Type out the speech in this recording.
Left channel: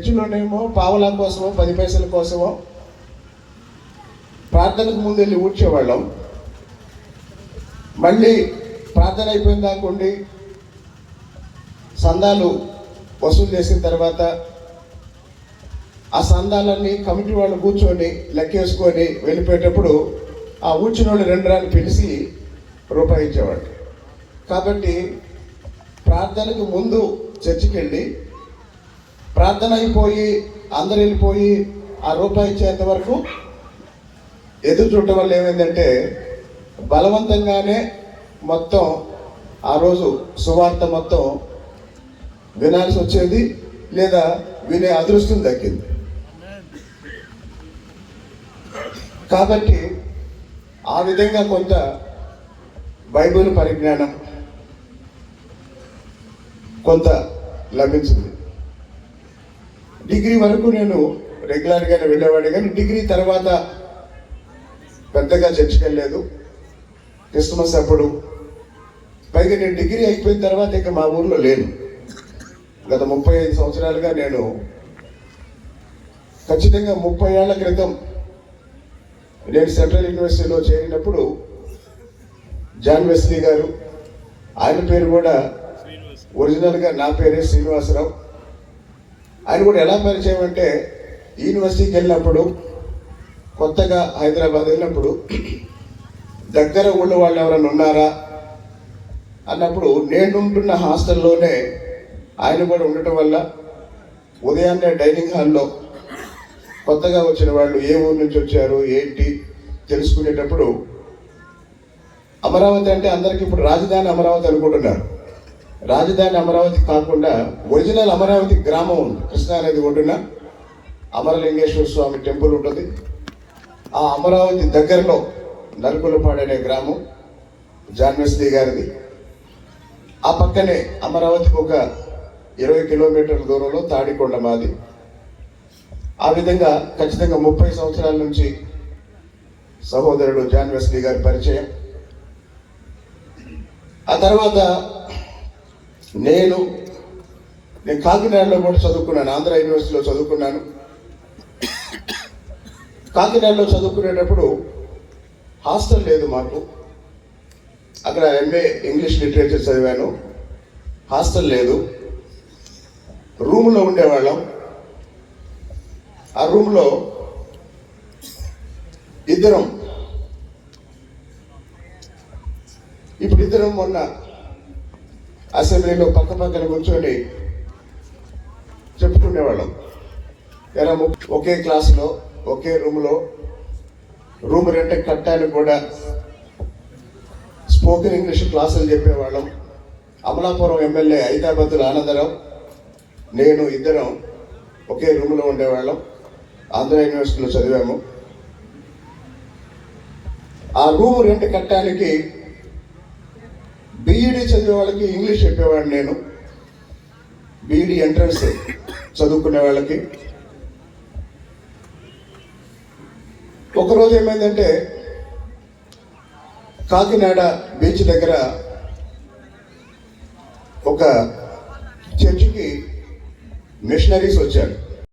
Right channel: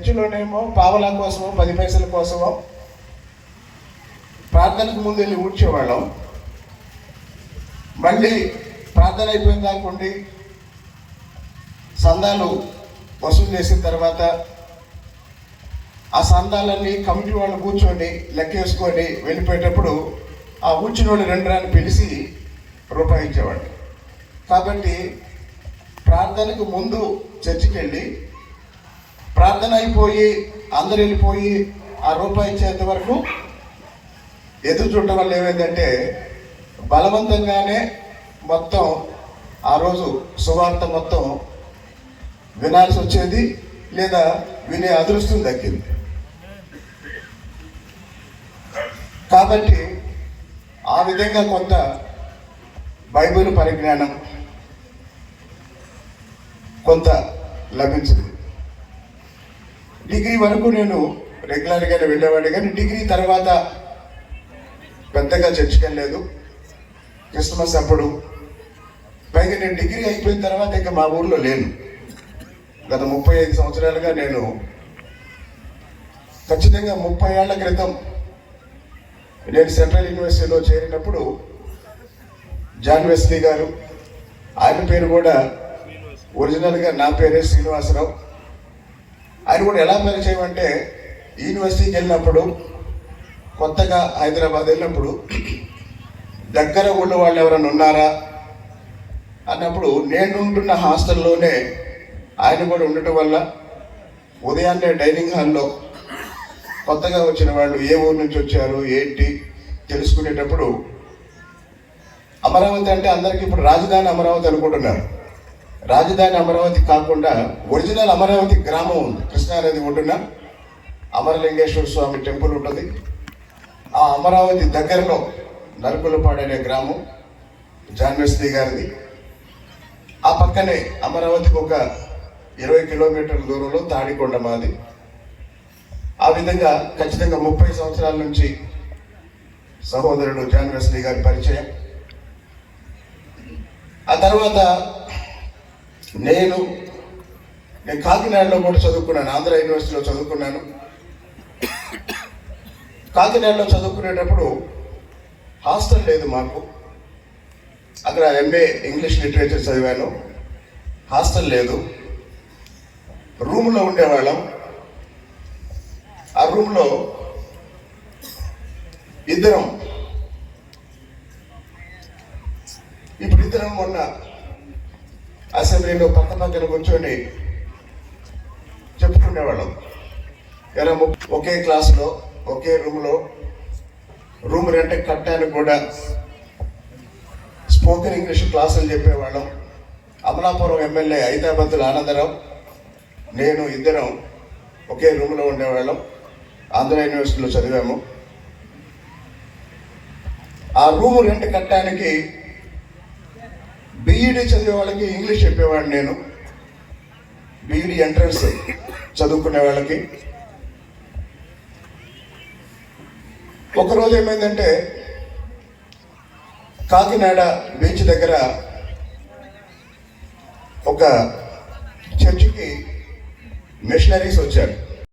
చర్చిలోనేమో పావలా కోసమో 10 పైసల కోసమో ప్రార్థనకు ముందు వెళ్ళి ఊడ్చేవాళ్ళం. మళ్ళీ ప్రార్థన అయిపోయింది కాకుండా సందాలు వసూలు చేసిన తర్వాత ఆ సందాలన్నీ కమిటీ వాళ్ళు కూర్చొని లెక్కేసుకొని వెళ్ళిపోయేటప్పుడు ఆ ఊడ్చిన వాళ్ళు 2 రాని పిలిచి రూపాయి ఇచ్చేవాడు. కాబట్టి ప్రార్థనకు ముందు చర్చికి వెళ్ళి ప్రార్థన అయిపోయి అందరు వెళ్ళిపోయి ఆ రూపాయి ఇచ్చేంత వరకు ఎదురు చూడటం వల్ల ఏమైందంటే బలవంతంగానే మొత్తం ఆ రోజు సువార్త మొత్తం వినాల్సి వచ్చేది, లేదా వినే అదృష్టం దక్కింది. కాబట్టి ఆ విధంగా కొంత బైబిల్ పరిజ్ఞానం కొంత లభించింది. డిగ్రీ వరకు నేను రెగ్యులర్గానే వెళ్ళేవాడిని, కానీ డిగ్రీ తర్వాత పెద్దగా చర్చికి వెళ్ళలేదు. క్రిస్మస్ అప్పుడు, పైగా నేను డిగ్రీ అయిపోయిన తర్వాత ఇంకా మా ఊర్లో లేను. గత 35 సంవత్సరాలుగా నేను ఖచ్చితంగా 30 ఏళ్ల క్రితం నేను సెంట్రల్ యూనివర్సిటీలో చేరినప్పుడు జాన్ వెస్లీ గారు, ఆయన పేరు కూడా ఒరిజినల్గా నా పేరే శ్రీనివాసరావు, ఆయన కూడా ఎలా పరిచయం అంటే యూనివర్సిటీకి వెళ్ళినప్పుడు కొత్తగా హైదరాబాద్ వెళ్ళినప్పుడు దగ్గర ఊళ్ళో వాళ్ళు ఎవరైనా ఉన్నారా అన్నప్పుడు నేను ఉంటున్న హాస్టల్లోనే ఆయన కూడా ఉండటం వల్ల ఉదయాన్నే డైనింగ్ హాల్లో కొత్తగా వచ్చిన వాళ్ళు ఏ ఊరు నుంచి వచ్చారు ఏంటి తెలుసుకునేటప్పుడు, అమరావతి అంటే అందరికీ ఇప్పుడు రాజధాని అమరావతి అనుకుంటున్నారు. రాజధాని అమరావతి కాకుండా ఒరిజినల్ అమరావతి గ్రామం ఉంది. కృష్ణానది ఒడ్డున అమరలింగేశ్వర స్వామి టెంపుల్ ఉంటుంది. ఆ అమరావతి దగ్గరలో నలుగులపాడు అనే గ్రామం జాన్ వెస్లీ గారిది. ఆ పక్కనే అమరావతికి ఒక 20 కిలోమీటర్ల దూరంలో తాడికొండ మాది. ఆ విధంగా ఖచ్చితంగా 30 సంవత్సరాల నుంచి సహోదరుడు జాన్ వెస్లీ గారి పరిచయం. ఆ తర్వాత నేను కాకినాడలో కూడా చదువుకున్నాను, ఆంధ్ర యూనివర్సిటీలో చదువుకున్నాను. కాకినాడలో చదువుకునేటప్పుడు హాస్టల్ లేదు మాకు. అక్కడ ఎంఏ ఇంగ్లీష్ లిటరేచర్ చదివాను. హాస్టల్ లేదు, రూమ్లో ఉండేవాళ్ళం. ఆ రూమ్లో ఇద్దరం మొన్న అసెంబ్లీలో పక్కన కూర్చొని చెప్పుకునేవాళ్ళం. ఎలా ఒకే క్లాస్లో ఒకే రూమ్ రెంట్ కట్టడానికి కూడా స్పోకెన్ ఇంగ్లీష్ క్లాసులు చెప్పేవాళ్ళం. అమలాపురం ఎమ్మెల్యే హైదరాబాద్లో ఆనందరావు, నేను ఇద్దరం ఒకే రూమ్లో ఉండేవాళ్ళం. ఆంధ్ర యూనివర్సిటీలో చదివాము. ఆ రూమ్ రెంట్ కట్టడానికి బీఈడీ చదివే వాళ్ళకి ఇంగ్లీష్ చెప్పేవాడిని నేను. బీఈడీ ఎంట్రన్స్ చదువుకునే వాళ్ళకి. ఒకరోజు ఏమైందంటే కాకినాడ బీచ్ దగ్గర ఒక చర్చికి మిషనరీస్ వచ్చారు.